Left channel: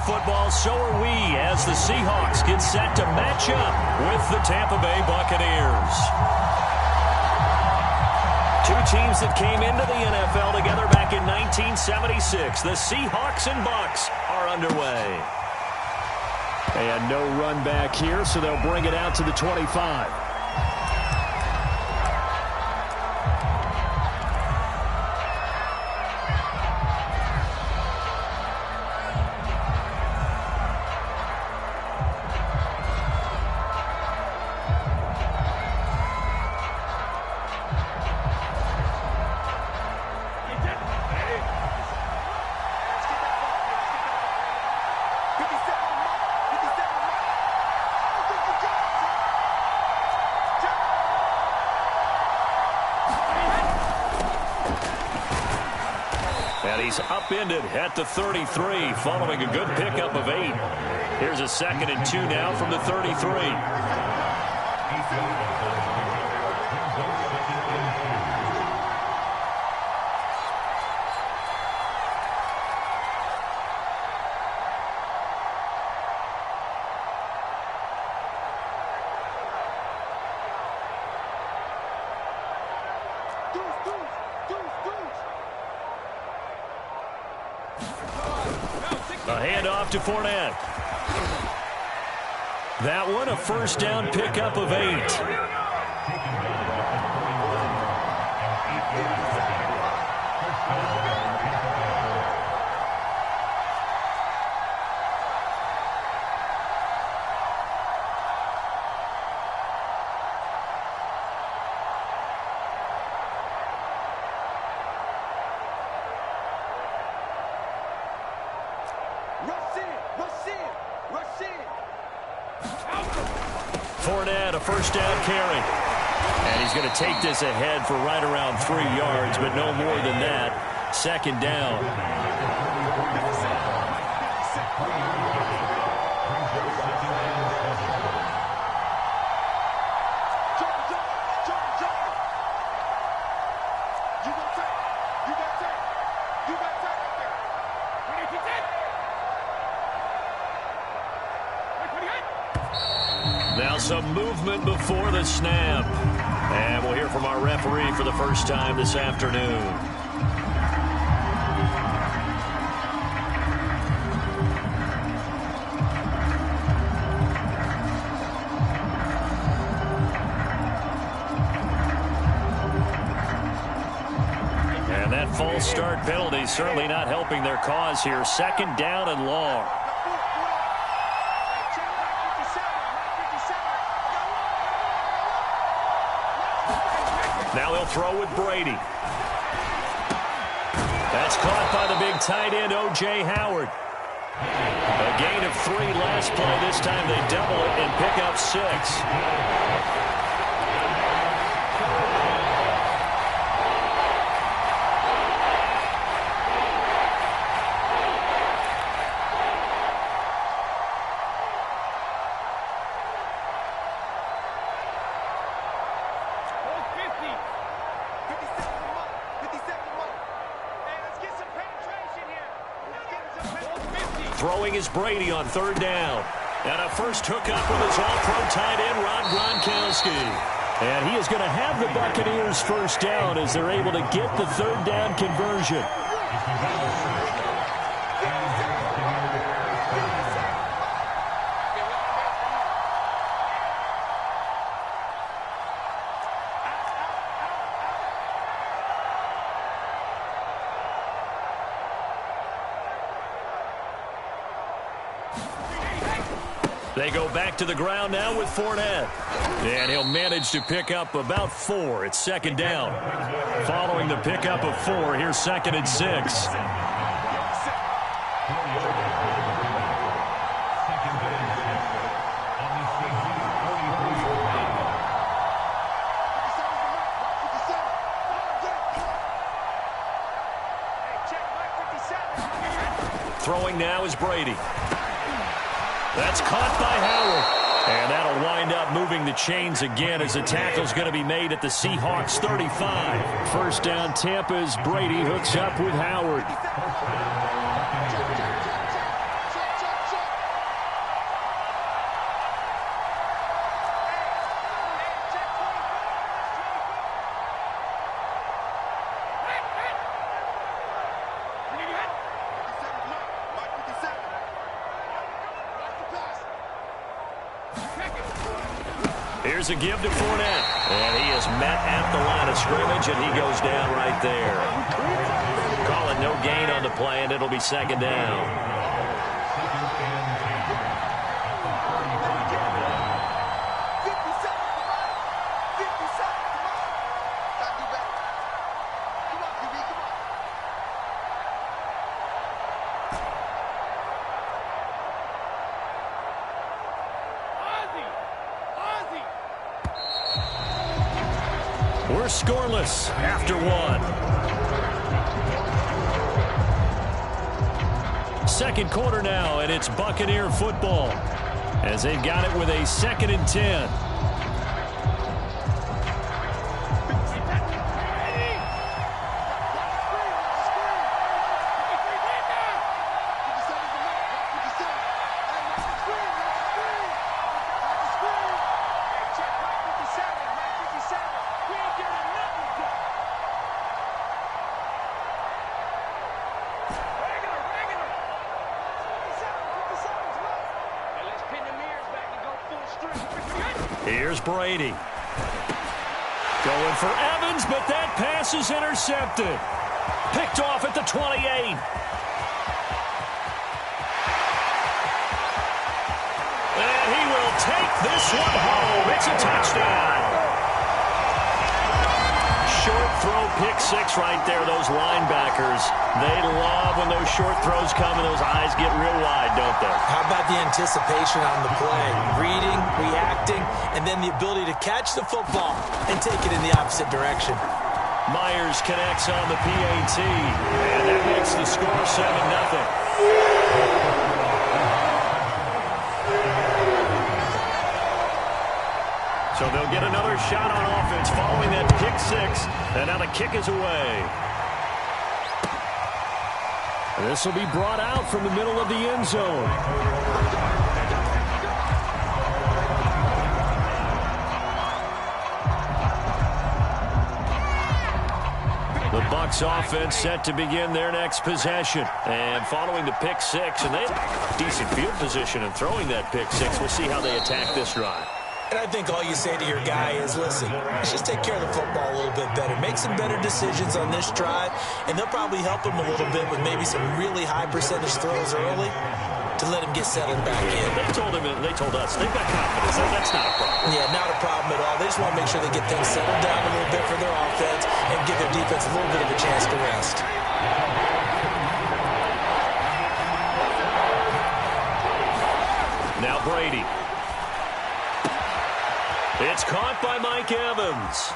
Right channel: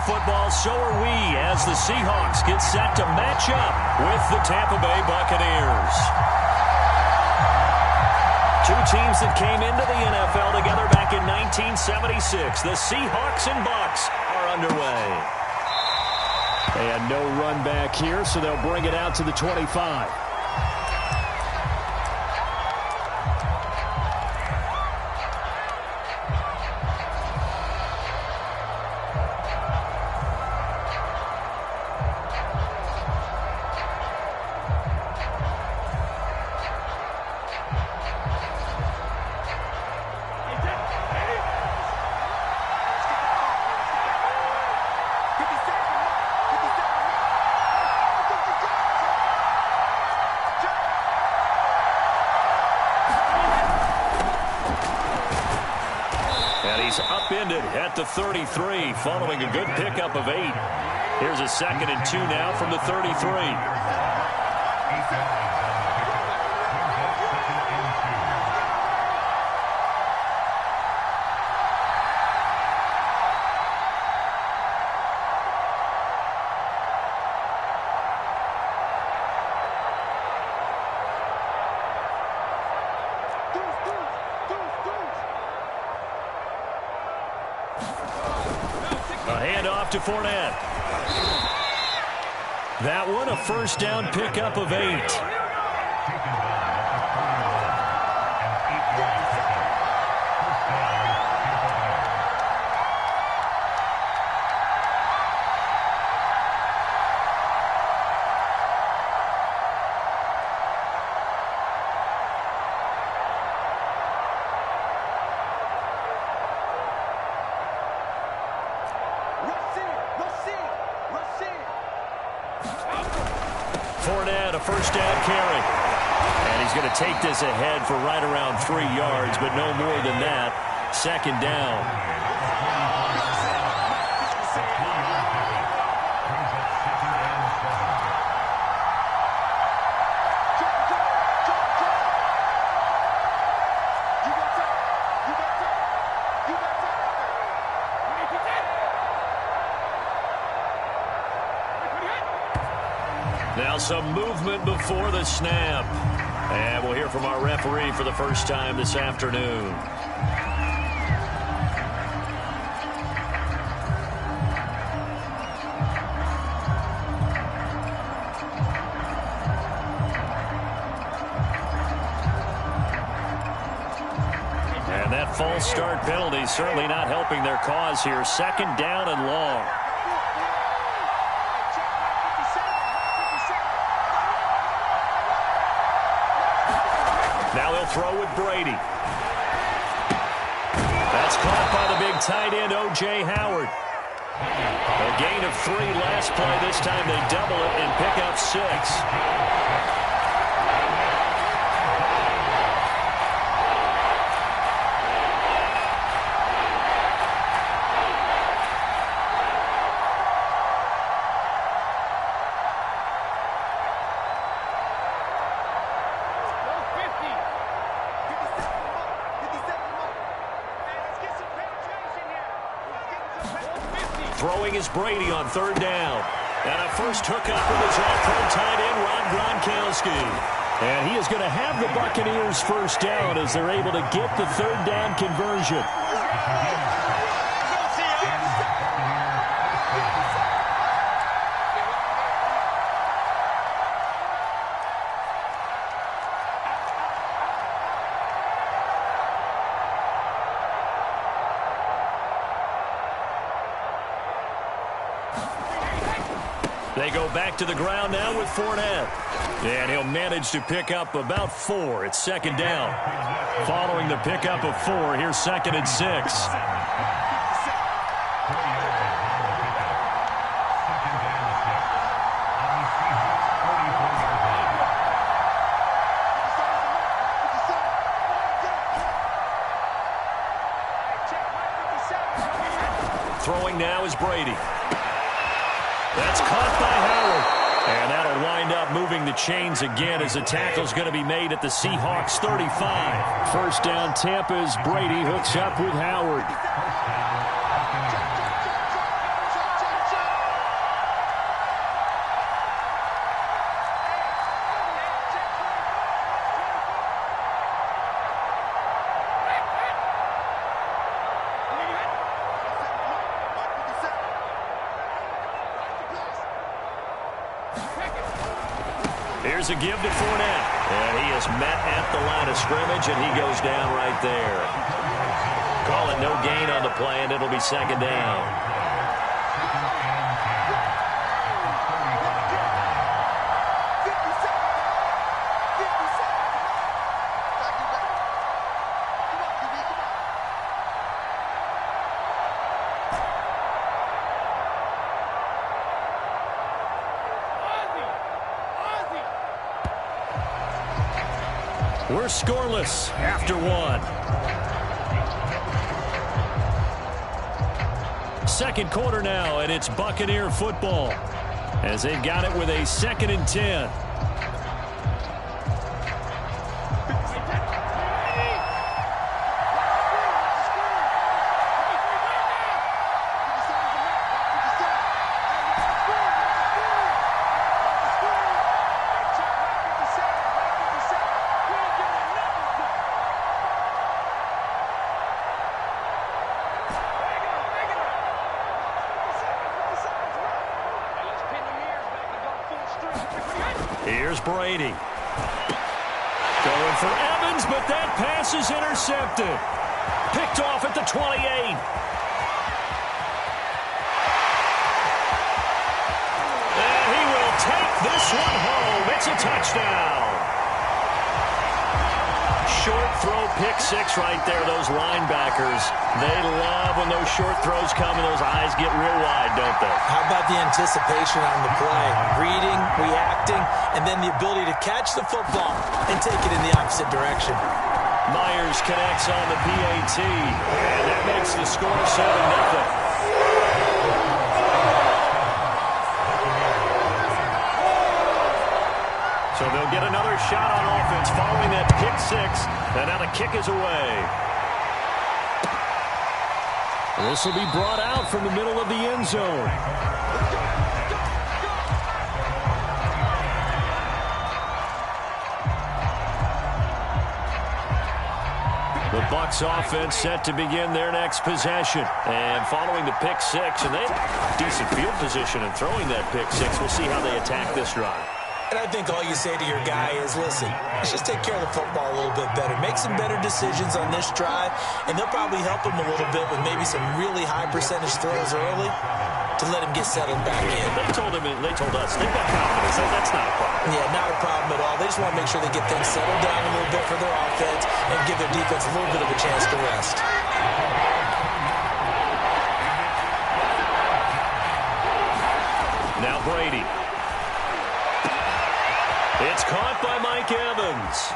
for football, so are we, as the Seahawks get set to match up with the Tampa Bay Buccaneers. Two teams that came into the NFL together back in 1976. The Seahawks and Bucs are underway. And no run back here, so they'll bring it out to the 25. And he's upended at the 33 following a good pickup of 8. Here's a 2nd and 2 now from the 33. A handoff to Fournette. That one, a first down pickup of 8. Fournette, a first down carry. And he's going to take this ahead for right around 3 yards, but no more than that. 2nd down. Now some movement before the snap. And we'll hear from our referee for the first time this afternoon. And that false start penalty certainly not helping their cause here. 2nd down and long. Now they'll throw with Brady. That's caught by the big tight end, O.J. Howard. A gain of 3 last play. This time they double it and pick up 6. Throwing is Brady on 3rd down. And a first hookup with his all-pro tight end, Rob Gronkowski. And he is going to have the Buccaneers first down as they're able to get the 3rd down conversion. They go back to the ground now with Fournette. And he'll manage to pick up about 4. It's 2nd down. Following the pickup of 4, here's 2nd and 6. Throwing now is Brady. That's caught by Howard. And that'll wind up moving the chains again as the tackle's going to be made at the Seahawks 35. First down Tampa as Brady hooks up with Howard. Here's a give to Fournette. And he is met at the line of scrimmage, and he goes down right there. Call it no gain on the play, and it'll be second down. We're scoreless after one. Second quarter now, and it's Buccaneer football as they've got it with a 2nd and 10. Here's Brady. Going for Evans, but that pass is intercepted. Picked off at the 28. And he will take this one home. It's a touchdown. Short throw, pick six right there. Those linebackers, they love when those short throws come and those eyes get real wide, don't they? How about the anticipation on the play? Reading, reacting, and then the ability to catch the football and take it in the opposite direction. Myers connects on the PAT, and that makes the score 7-0. So they'll get another shot on offense following that pick six, and now the kick is away. This will be brought out from the middle of the end zone. The Bucs offense set to begin their next possession. And following the pick six, and they have decent field position in throwing that pick six. We'll see how they attack this drive. And I think all you say to your guy is, listen, let's just take care of the football a little bit better. Make some better decisions on this drive, and they'll probably help him a little bit with maybe some really high percentage throws early to let him get settled back in. They told us, they've got confidence. That's not a problem. Yeah, not a problem at all. They just want to make sure they get things settled down a little bit for their offense and give their defense a little bit of a chance to rest. Now Brady. It's caught by Mike Evans.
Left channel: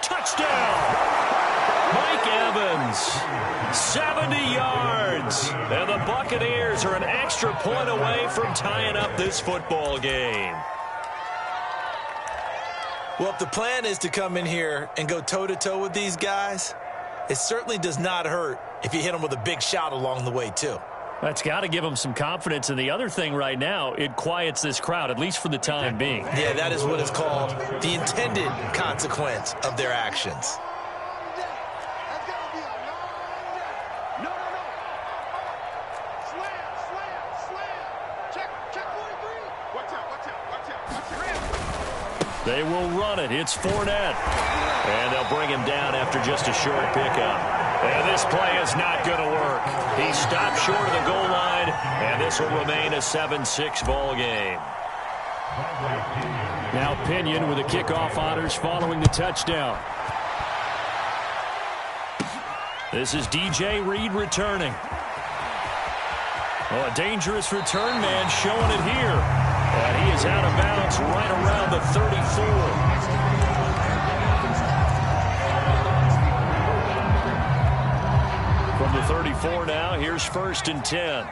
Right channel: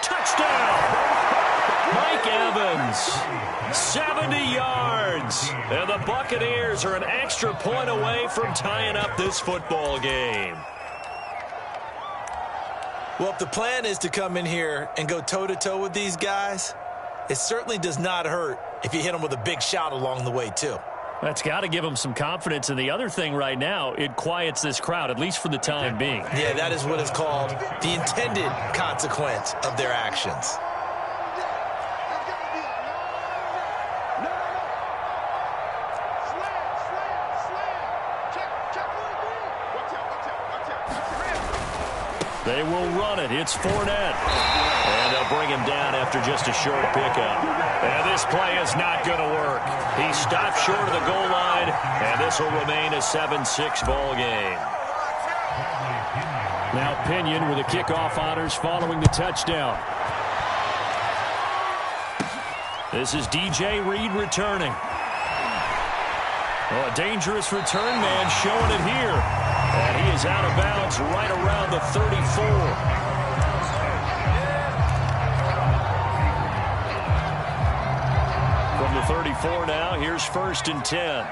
Touchdown! Mike Evans, 70 yards. And the Buccaneers are an extra point away from tying up this football game. Well, if the plan is to come in here and go toe-to-toe with these guys, it certainly does not hurt if you hit them with a big shout along the way, too. That's got to give them some confidence. And the other thing right now, it quiets this crowd, at least for the time being. Yeah, that is what is called the intended consequence of their actions. They will run it. It's Fournette. And they'll bring him down after just a short pickup. And this play is not going to work. He stopped short of the goal line, and this will remain a 7-6 ball game. Now Pinion with the kickoff honors following the touchdown. This is DJ Reed returning. Oh, a dangerous return man showing it here. And he is out of bounds right around the 34. From the 34 now, here's 1st and 10.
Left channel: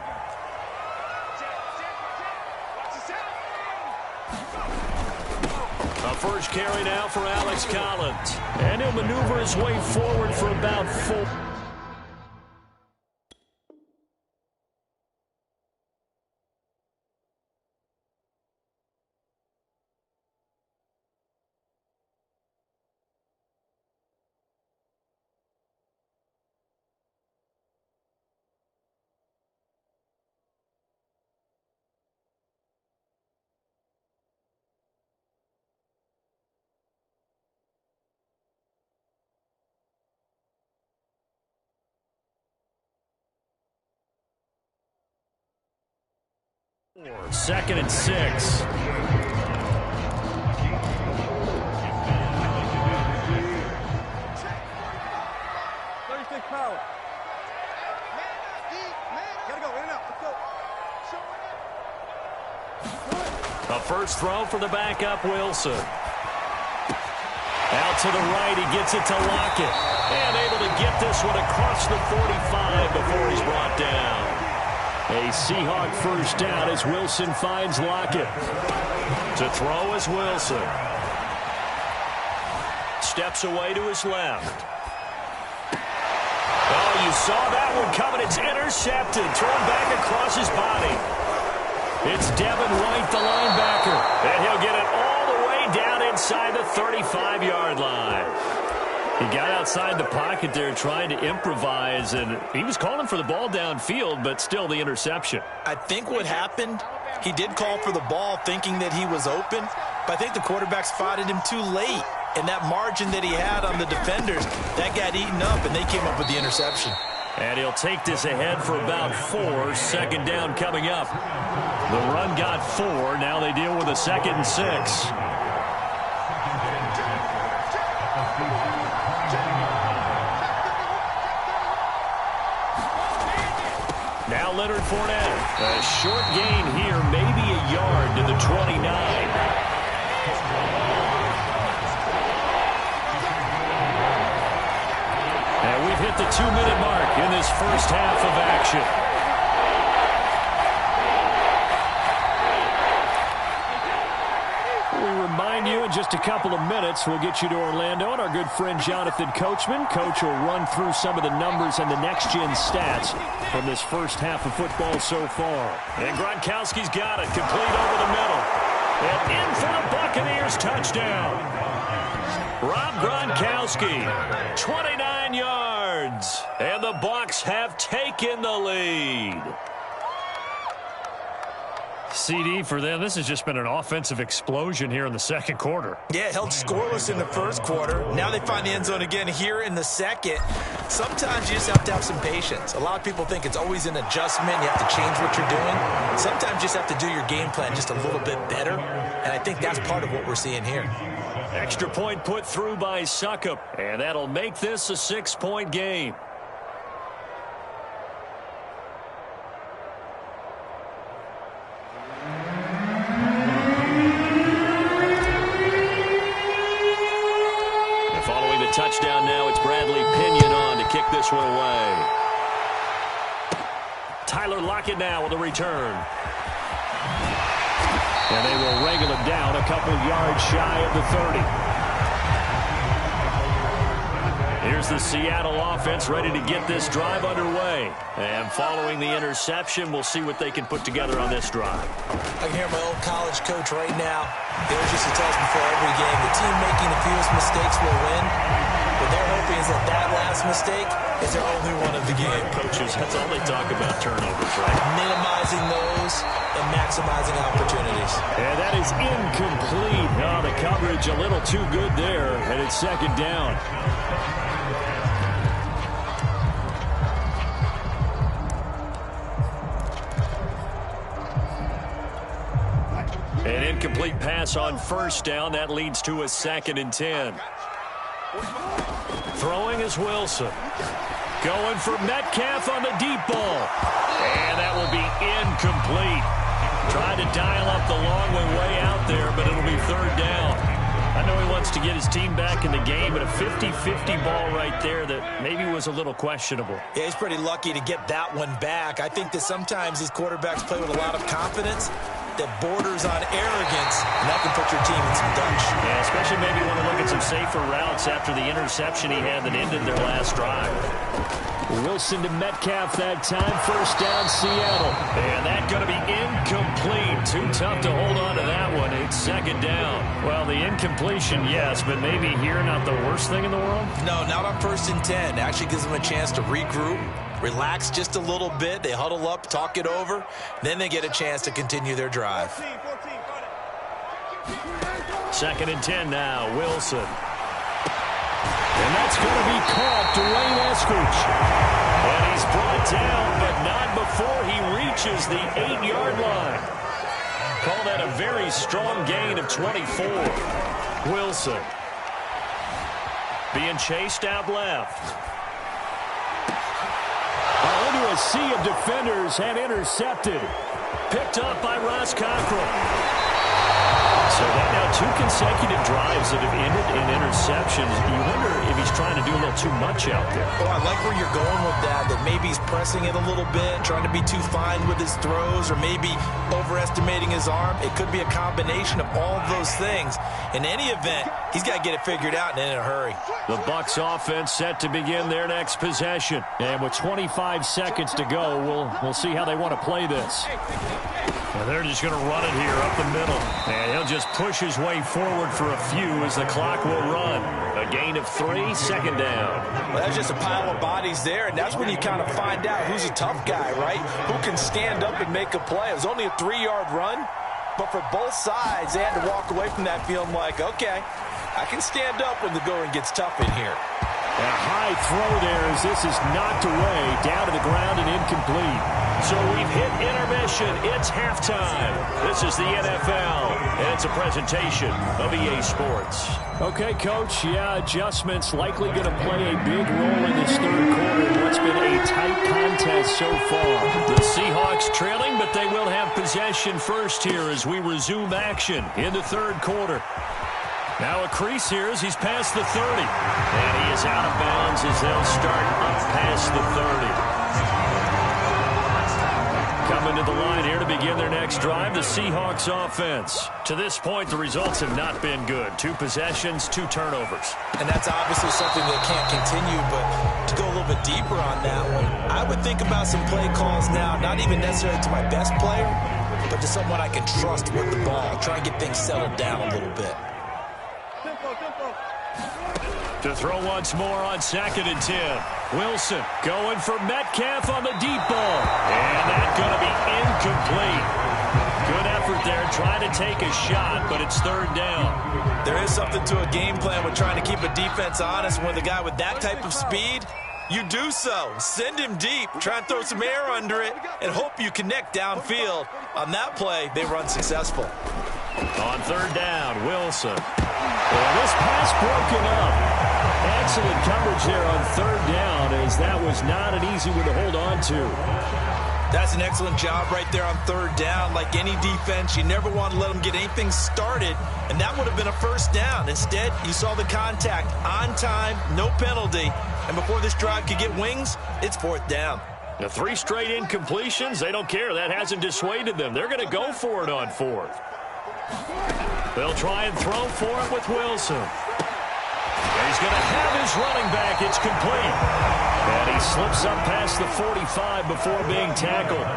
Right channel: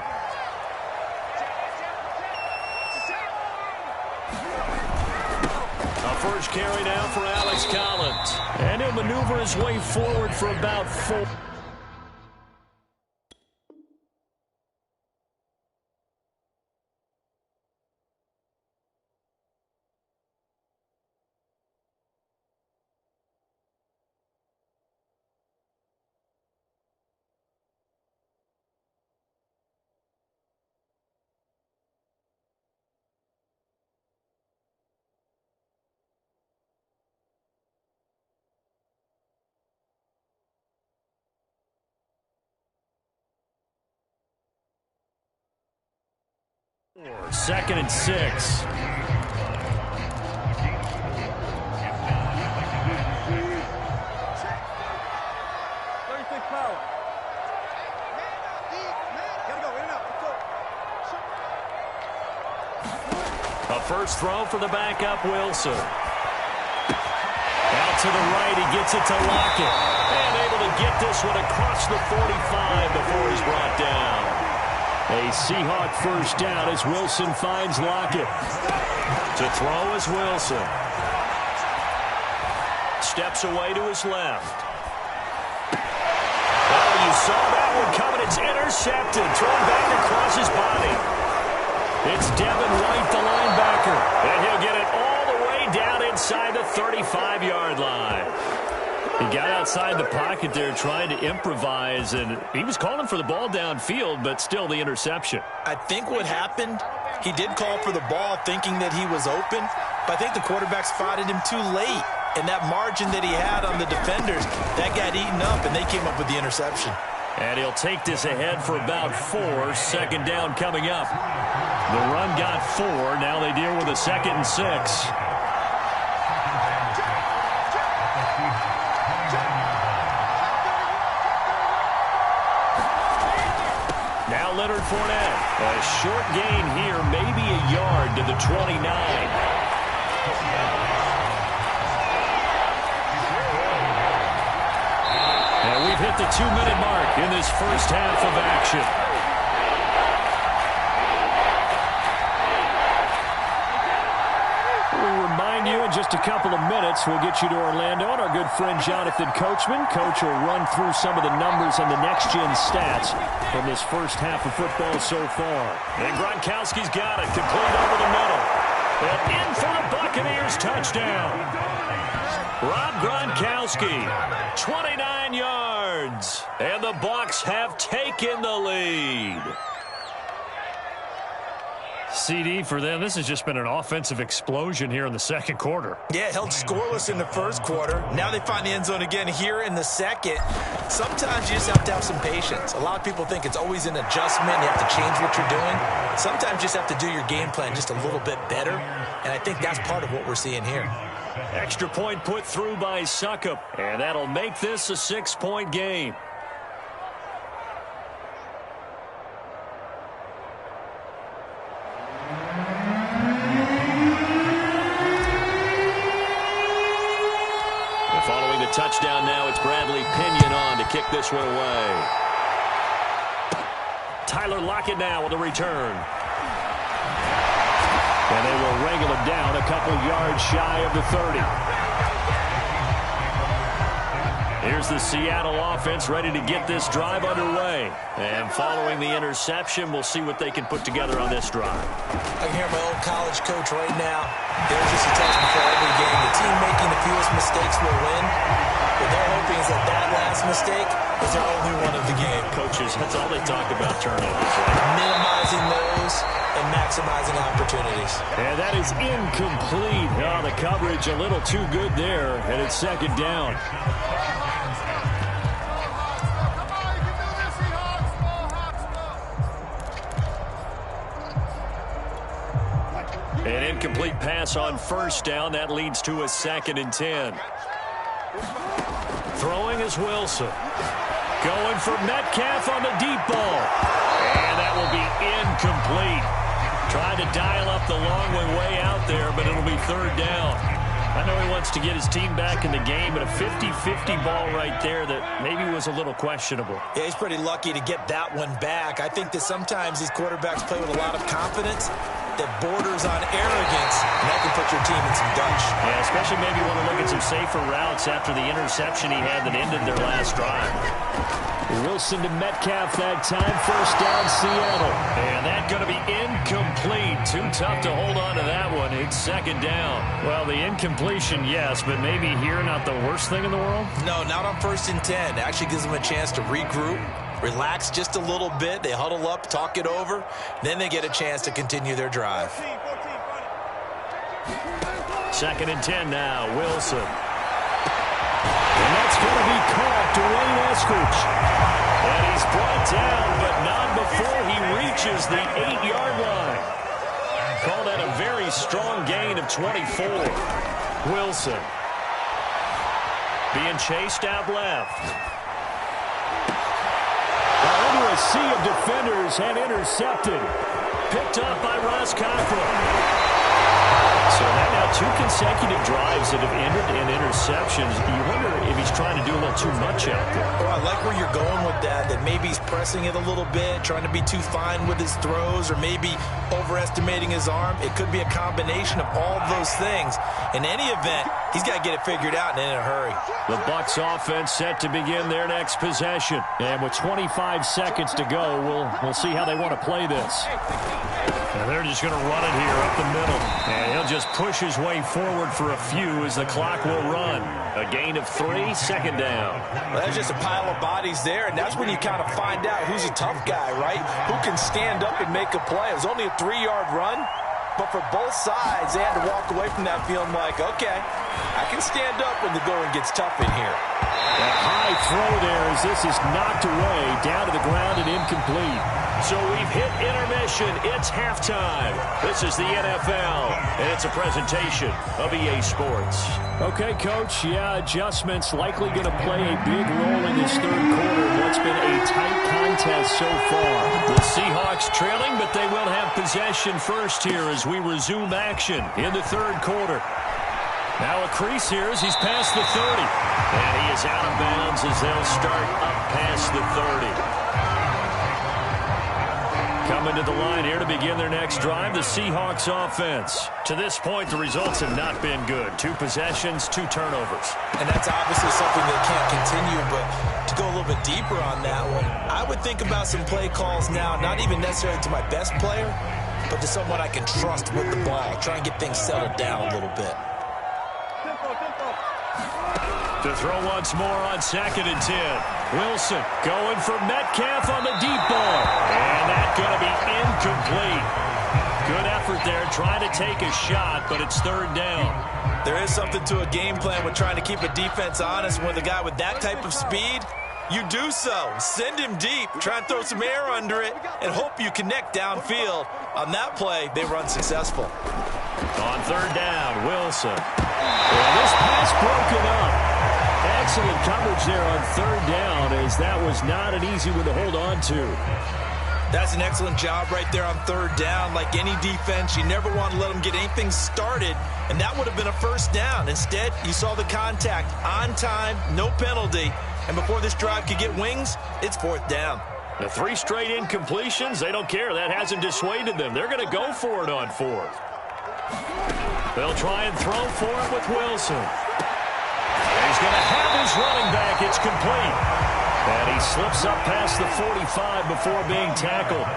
A first carry now for Alex Collins. And he'll maneuver his way forward for about 4. 2nd and 6. Power. Gotta go in and out. Let's go. A first throw for the backup, Wilson. Out to the right, he gets it to Lockett. And able to get this one across the 45 before he's brought down. A Seahawk first down as Wilson finds Lockett. To throw is Wilson. Steps away to his left. Oh, you saw that one coming. It's intercepted. Thrown back across his body. It's Devin White, the linebacker. And he'll get it all the way down inside the 35-yard line. He got outside the pocket there trying to improvise, and he was calling for the ball downfield, but still the interception. I think what happened, he did call for the ball thinking that he was open, but I think the quarterback spotted him too late. And that margin that he had on the defenders, that got eaten up, and they came up with the interception. And he'll take this ahead for about 4. 2nd down coming up. The run got 4. Now they deal with a 2nd and 6. Now Leonard Fournette. A short gain here, maybe a yard to the 29. And we've hit the 2-minute mark in this first half of action. We remind you in just a couple of minutes we'll get you to Orlando and our good friend Jonathan Coachman. Coach will run through some of the numbers and the next-gen stats from this first half of football so far. And Gronkowski's got it, complete over the middle. And in for the Buccaneers touchdown. Rob Gronkowski, 29 yards, and the Bucs have taken the lead. CD for them, this has just been an offensive explosion here in the second quarter. Yeah, held scoreless in the first quarter. Now they find the end zone again here in the second. Sometimes you just have to have some patience. A lot of people think it's always an adjustment. You have to change what you're doing. Sometimes you just have to do your game plan just a little bit better, and I think that's part of what we're seeing here. Extra point put through by Succop, and that'll make this a 6-point game. And following the touchdown now, it's Bradley Pinion on to kick this one away. Tyler Lockett now with a return. And they will wrangle it down a couple yards shy of the 30. Here's the Seattle offense ready to get this drive underway. And following the interception, we'll see what they can put together on this drive. I can hear my old college coach right now. He always used to tell us before every game, the team making the fewest mistakes will win. What they're hoping is that that last mistake is their only one of the game. Coaches, that's all they talk about, turnovers, right? Minimizing those and maximizing opportunities. And that is incomplete. Oh, the coverage a little too good there, and it's 2nd down. An incomplete pass on first down. That leads to a 2nd and 10. Throwing is Wilson. Going for Metcalf on the deep ball. And that will be incomplete. Tried to dial up the long way out there, but it'll be 3rd down. I know he wants to get his team back in the game, but a 50-50 ball right there that maybe was a little questionable. Yeah, he's pretty lucky to get that one back. I think that sometimes these quarterbacks play with a lot of confidence that borders on arrogance, and that can put your team in some Dutch. Yeah, especially maybe want to look at some safer routes after the interception he had that ended their last drive. Wilson to Metcalf that time. First down, Seattle. And that's going to be incomplete. Too tough to hold on to that one. It's 2nd down. Well, the incompletion, yes, but maybe here not the worst thing in the world? No, not on 1st and 10. It actually gives them a chance to regroup, relax just a little bit. They huddle up, talk it over. Then they get a chance to continue their drive. 2nd and 10 now, Wilson. And that's going to be caught, Dwayne Eskridge. And he's brought down, but not before he reaches the 8-yard line. Call that a very strong gain of 24. Wilson being chased out left. Into a sea of defenders and intercepted. Picked up by Ross Cockrell. So that now 2 consecutive drives that have ended in interceptions. You wonder if he's trying to do a little too much out there. Oh, I like where you're going with that maybe he's pressing it a little bit, trying to be too fine with his throws, or maybe overestimating his arm. It could be a combination of all of those things. In any event, he's got to get it figured out and in a hurry. The Bucs offense set to begin their next possession. And with 25 seconds to go, we'll see how they want to play this. And they're just going to run it here up the middle. And he'll just push his way forward for a few as the clock will run. A gain of 3, second down. Well, that's just a pile of bodies there, and that's when you kind of find out who's a tough guy, right? Who can stand up and make a play. It was only a 3-yard run, but for both sides, they had to walk away from that feeling like, okay, I can stand up when the going gets tough in here. A high throw there as this is knocked away, down to the ground and incomplete. So we've hit intermission. It's halftime. This is the NFL, and it's a presentation of EA Sports. Okay, Coach, adjustments likely going to play a big role in this third quarter in what's been a tight contest so far. The Seahawks trailing, but they will have possession first here as we resume action in the third quarter. Now a crease here as he's past the 30. And he is out of bounds as they'll start up past the 30. Coming to the line here to begin their next drive, the Seahawks offense. To this point, the results have not been good. 2 possessions, 2 turnovers. And that's obviously something that can't continue, but to go a little bit deeper on that one, I would think about some play calls now, not even necessarily to my best player, but to someone I can trust with the ball. Try and get things settled down a little bit. To throw once more on 2nd and 10. Wilson going for Metcalf on the deep ball. And that's going to be incomplete. Good effort there trying to take a shot, but it's 3rd down. There is something to a game plan with trying to keep a defense honest. With a guy with that type of speed, you do so. Send him deep. Try and throw some air under it and hope you connect downfield. On that play, they run successful. On 3rd down, Wilson. Well, this pass broken up. Excellent coverage there on 3rd down, as that was not an easy one to hold on to. That's an excellent job right there on 3rd down. Like any defense, you never want to let them get anything started, and that would have been a 1st down. Instead, you saw the contact on time, no penalty, and before this drive could get wings, it's 4th down. The 3 straight incompletions, they don't care. That hasn't dissuaded them. They're going to go for it on 4th. They'll try and throw for it with Wilson. He's going to have his running back. It's complete. And he slips up past the 45 before being tackled.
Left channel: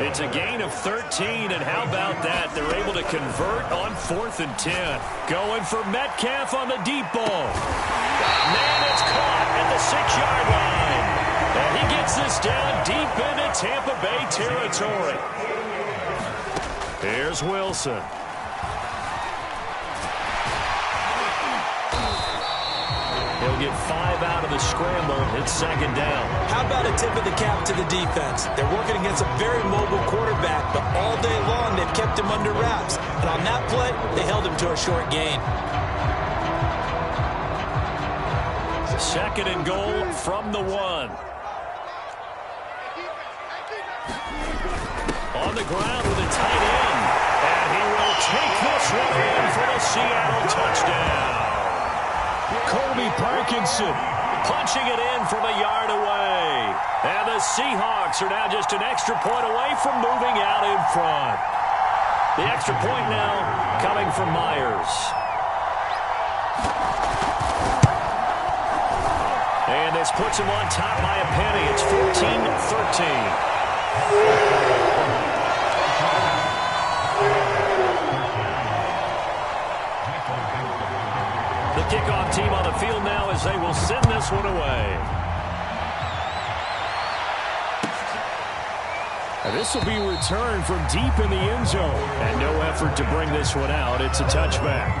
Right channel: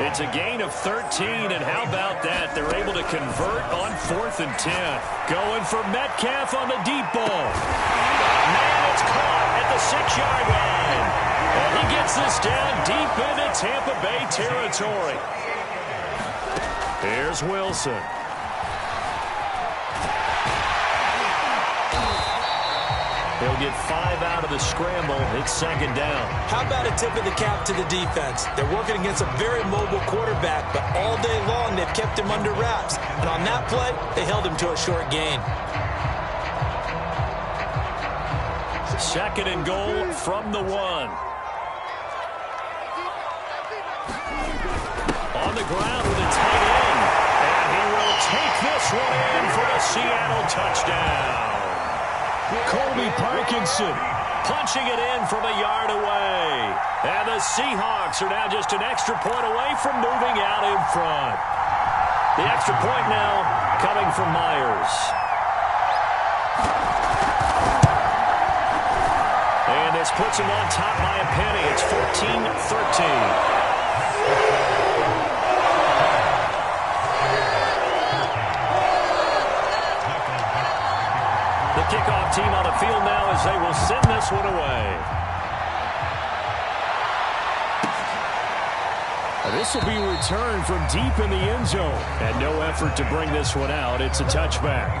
It's a gain of 13, and how about that? They're able to convert on 4th and 10. Going for Metcalf on the deep ball. Man, it's caught at the 6-yard line. And he gets this down deep into Tampa Bay territory. Here's Wilson. He'll get 5 out of the scramble. It's 2nd down. How about a tip of the cap to the defense? They're working against a very mobile quarterback, but all day long they've kept him under wraps. And on that play, they held him to a short gain. 2nd and goal from the 1. On the ground with a tight end. And he will take this one in for the Seattle touchdown. Colby Parkinson punching it in from a yard away. And the Seahawks are now just an extra point away from moving out in front. The extra point now coming from Myers. And this puts him on top by a penny. It's 14-13. The kickoff team on the field now as they will send this one away. This will be returned from deep in the end zone. And no effort to bring this one out. It's a touchback.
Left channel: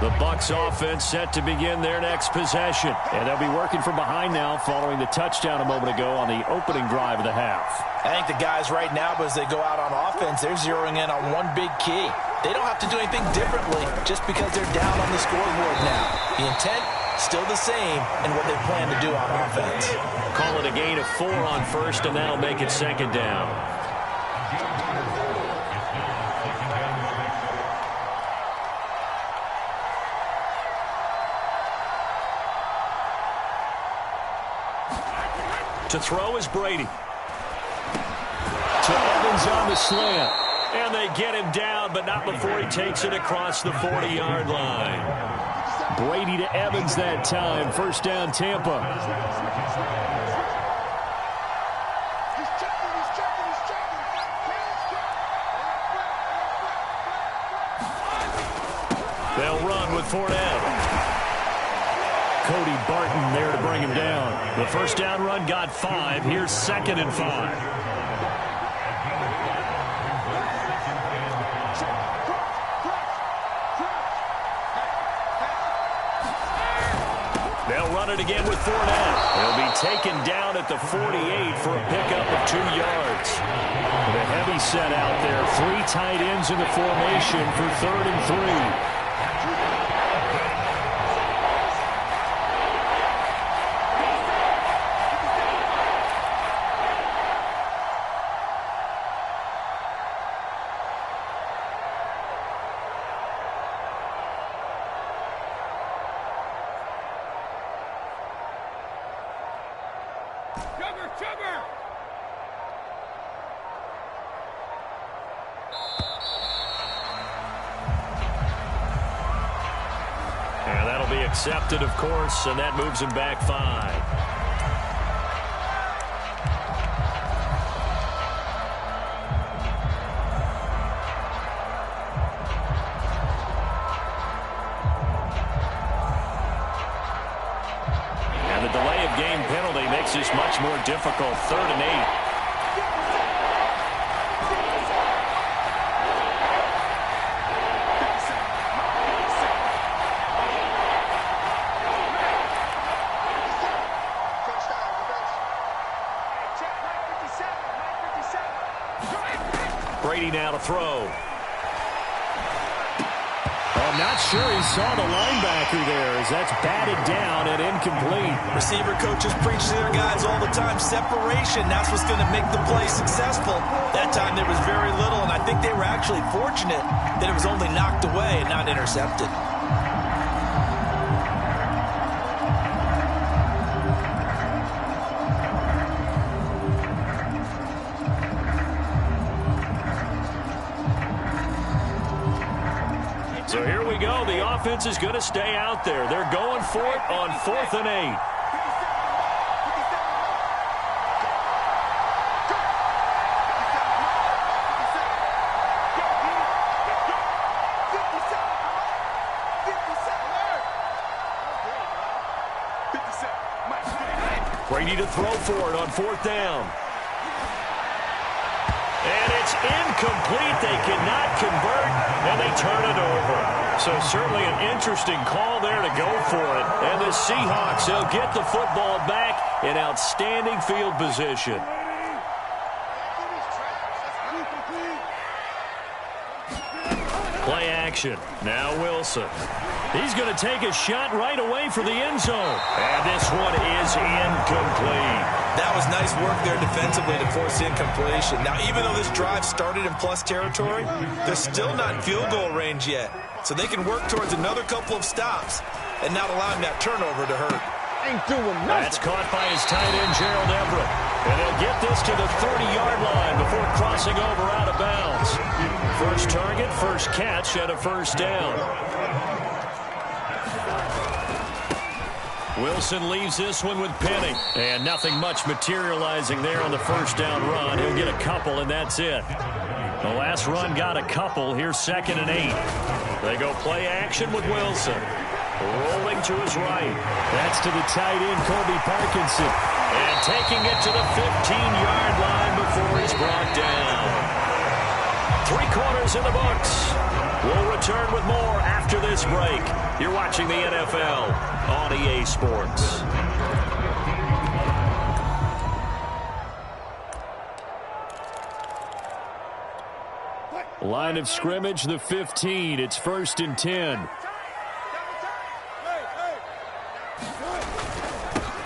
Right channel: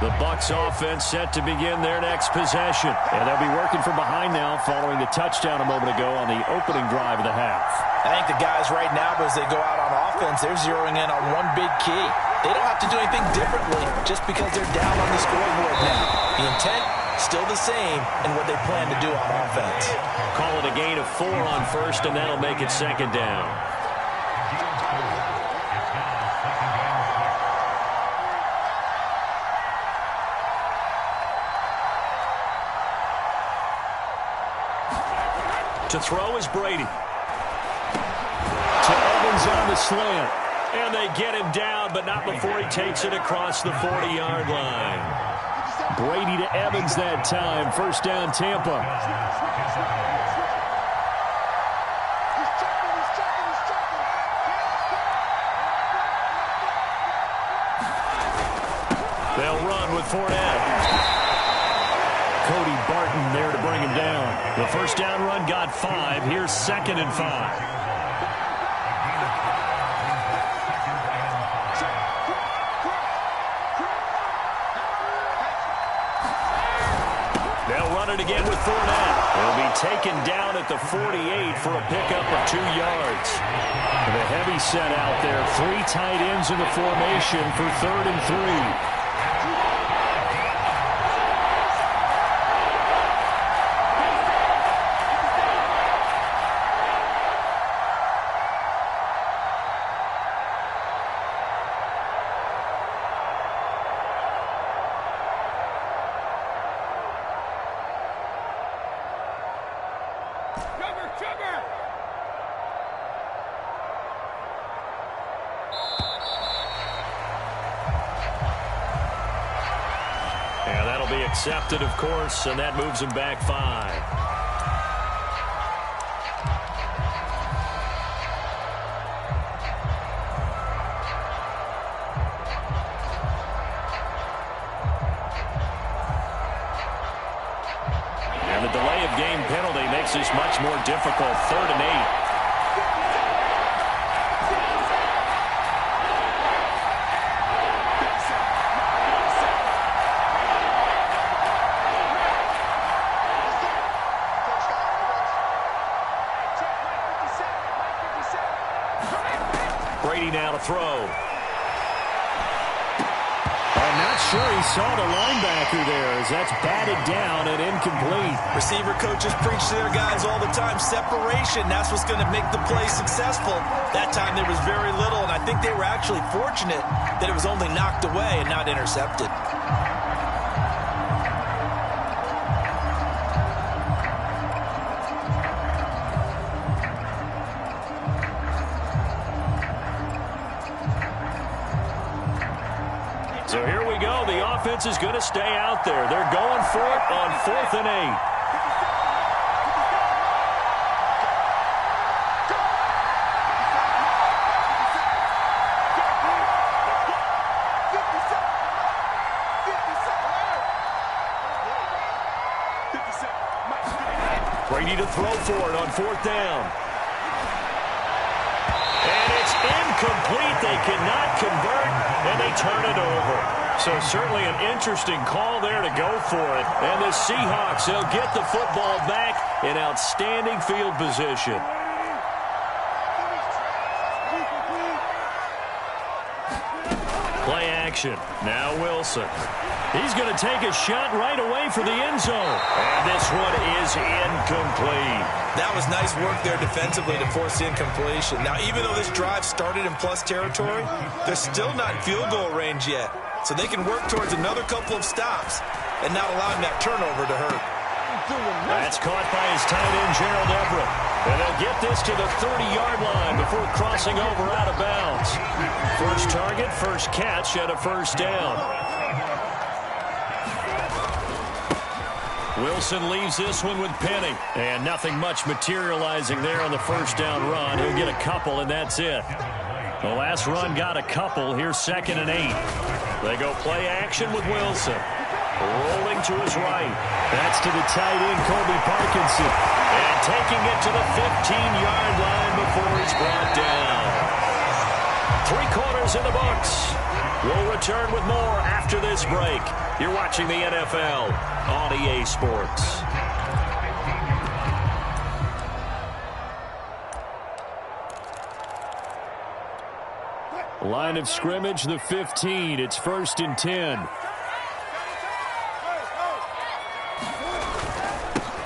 The Bucs offense set to begin their next possession. And they'll be working from behind now following the touchdown a moment ago on the opening drive of the half. I think the guys right now, as they go out on offense, they're zeroing in on one big key. They don't have to do anything differently just because they're down on the scoreboard now. The intent, still the same in what they plan to do on offense. Call it a gain of 4 on first, and that'll make it second down. To throw is Brady. To Evans on the slant. And they get him down, but not before he takes it across the 40-yard line. Brady to Evans that time. First down, Tampa. They'll run with Fournette. Cody Barton there to bring him down. The first down run got 5. Here's 2nd and 5. They'll run it again with Fournette. He'll be taken down at the 48 for a pickup of 2 yards. The heavy set out there. 3 tight ends in the formation for 3rd and 3. And that'll be accepted, of course, and that moves him back 5. And the delay of game penalty makes this much more difficult. 3rd and 8. Brady now to throw. I'm not sure he saw the linebacker there as that's batted down and incomplete. Receiver coaches preach to their guys all the time. Separation, that's what's going to make the play successful. That time there was very little, and I think they were actually fortunate that it was only knocked away and not intercepted. So here we go. The offense is going to stay out there. They're going for it on 4th and 8. Brady to throw for it on 4th down. And it's incomplete. They cannot convert, and they turn it over. So certainly an interesting call there to go for it. And the Seahawks, they'll get the football back in outstanding field position. Play action. Now Wilson. He's going to take a shot right away for the end zone. And this one is incomplete. That was nice work there defensively to force the incompletion. Now, even though this drive started in plus territory, they're still not in field goal range yet. So they can work towards another couple of stops and not allowing that turnover to hurt. That's caught by his tight end, Gerald Everett. And they'll get this to the 30-yard line before crossing over out of bounds. First target, first catch, and a first down. Wilson leaves this one with Penny. And nothing much materializing there on the first down run. He'll get a couple, and that's it. The last run got a couple. Here's 2nd and 8. They go play action with Wilson. Rolling to his right. That's to the tight end, Colby Parkinson. And taking it to the 15-yard line before he's brought down. 3 quarters in the books. We'll return with more after this break. You're watching the NFL on EA Sports. Line of scrimmage, the 15. It's 1st and 10.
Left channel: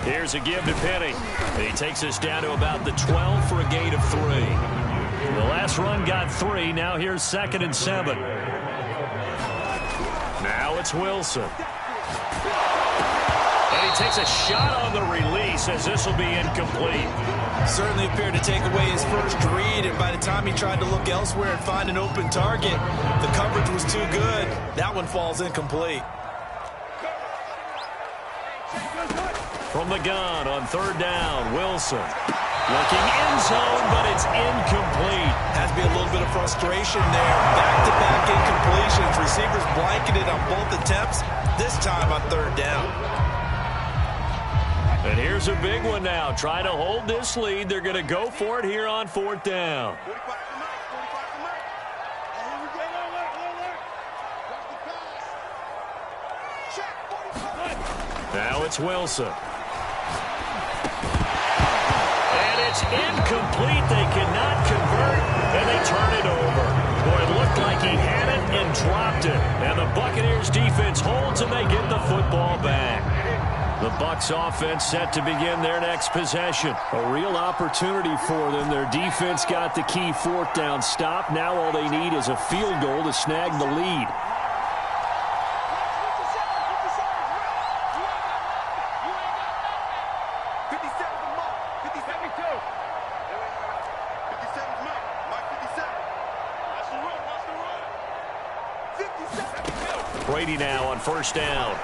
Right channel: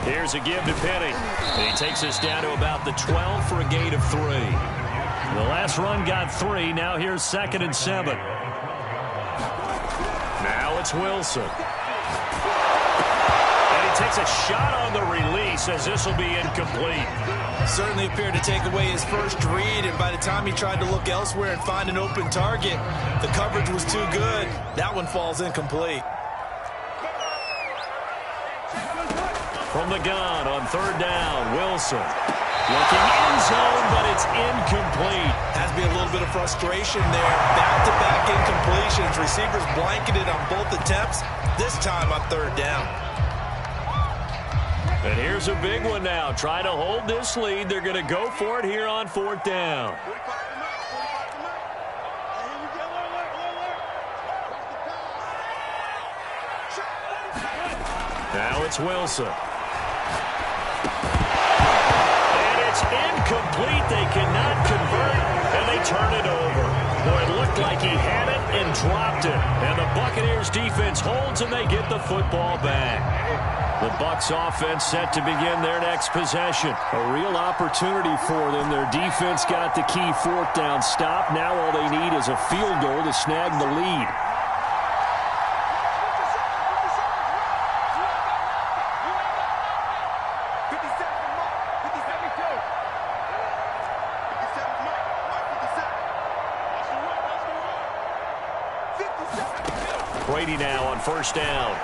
Here's a give to Penny. He takes us down to about the 12 for a gain of 3. The last run got 3. Now here's 2nd and 7. Now it's Wilson. And he takes a shot on the release as this will be incomplete. Certainly appeared to take away his first read, and by the time he tried to look elsewhere and find an open target, the coverage was too good. That one falls incomplete. From the gun on 3rd down, Wilson. Looking end zone, but it's incomplete. Has to be a little bit of frustration there. Back-to-back incompletions. Receivers blanketed on both attempts, this time on 3rd down. And here's a big one now. Trying to hold this lead. They're going to go for it here on 4th down. Now it's Wilson. And it's incomplete. They cannot convert, and they turn it over. Boy, it looked like he had it and dropped it. And the Buccaneers defense holds, and they get the football back. The Bucs offense set to begin their next possession. A real opportunity for them. Their defense got the key 4th down stop. Now all they need is a field goal to snag the lead. Brady now on 1st down.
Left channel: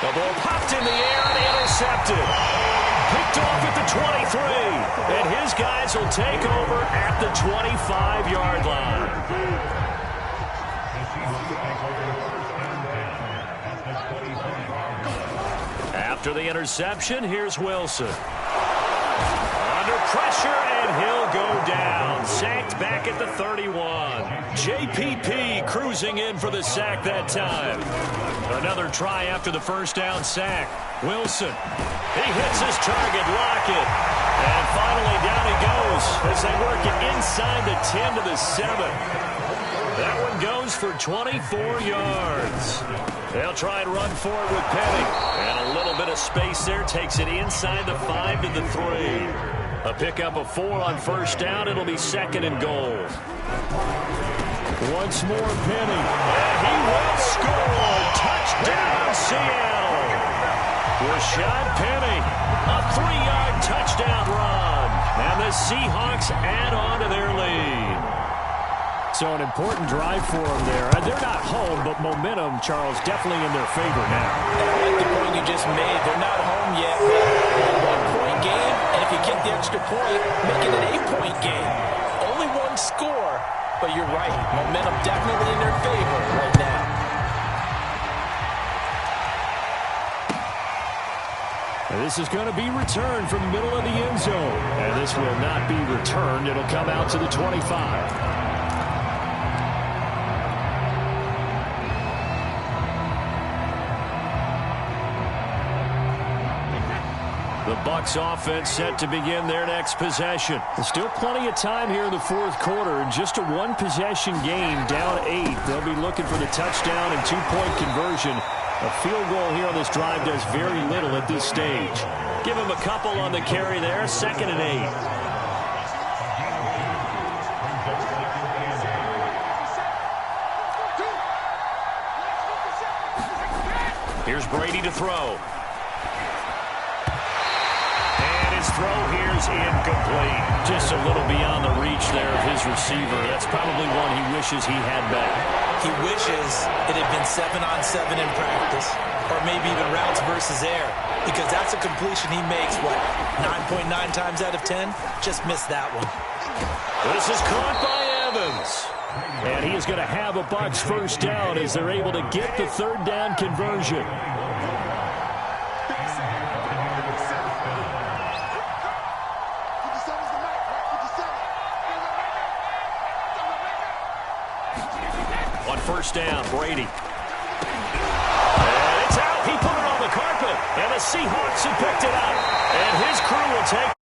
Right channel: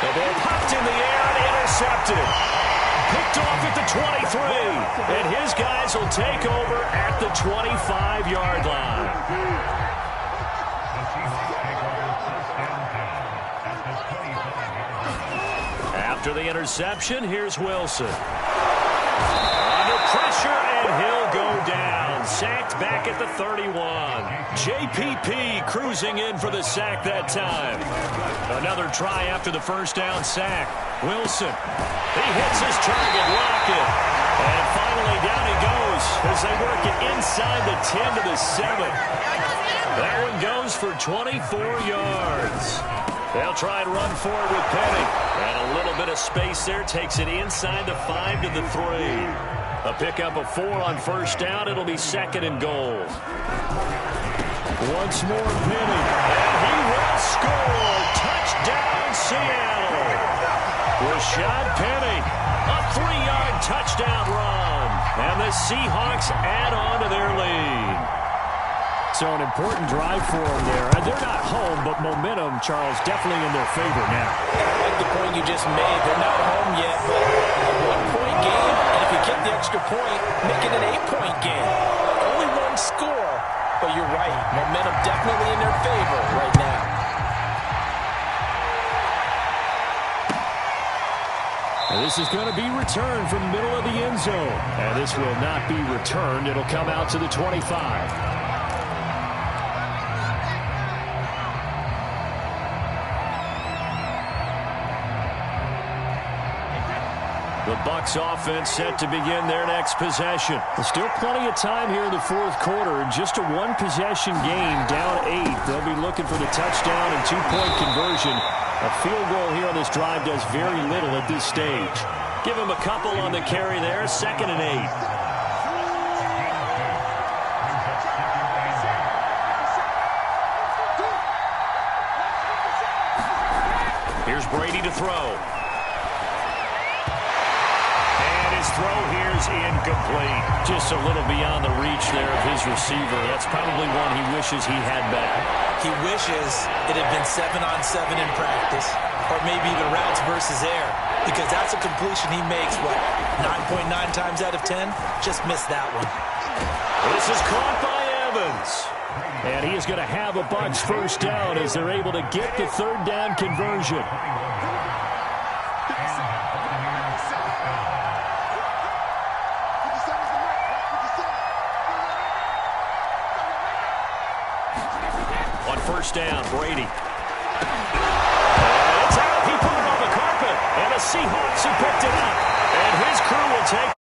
The ball popped in the air and intercepted. Picked off at the 23. And his guys will take over at the 25-yard line. After the interception, here's Wilson. Under pressure, and he'll go down. Sacked back at the 31. JPP cruising in for the sack that time. Another try after the 1st down sack. Wilson. He hits his target, Lockett. And finally down he goes as they work it inside the 10 to the 7. That one goes for 24 yards. They'll try and run for it with Penny. And a little bit of space there takes it inside the 5 to the 3. A pickup of 4 on 1st down. It'll be 2nd and goal. Once more, Penny. And he will score. Touchdown, Seattle. Rashad Penny. A 3-yard touchdown run. And the Seahawks add on to their lead. So an important drive for them there. They're not home, but momentum, Charles, definitely in their favor now. And I like the point you just made. They're not home yet, but a 1-point game, and if you kick the extra point, make it an 8-point game. Only one score, but you're right. Momentum definitely in their favor right now. And this is going to be returned from the middle of the end zone. And this will not be returned. It'll come out to the 25. The Bucs offense set to begin their next possession. There's still plenty of time here in the 4th quarter. Just a 1-possession game, down 8. They'll be looking for the touchdown and 2-point conversion. A field goal here on this drive does very little at this stage. Give him a couple on the carry there. 2nd and 8. Here's Brady to throw. His throw here's incomplete. Just a little beyond the reach there of his receiver. That's probably one he wishes he had back. He wishes it had been 7-on-7 in practice, or maybe even routes versus air, because that's a completion he makes, what, 9.9 times out of 10? Just missed that one. This is caught by Evans. And he is going to have a Bucs 1st down as they're able to get the 3rd down conversion. On 1st down, Brady. He put it on the carpet, and the Seahawks have picked it up. And his crew will take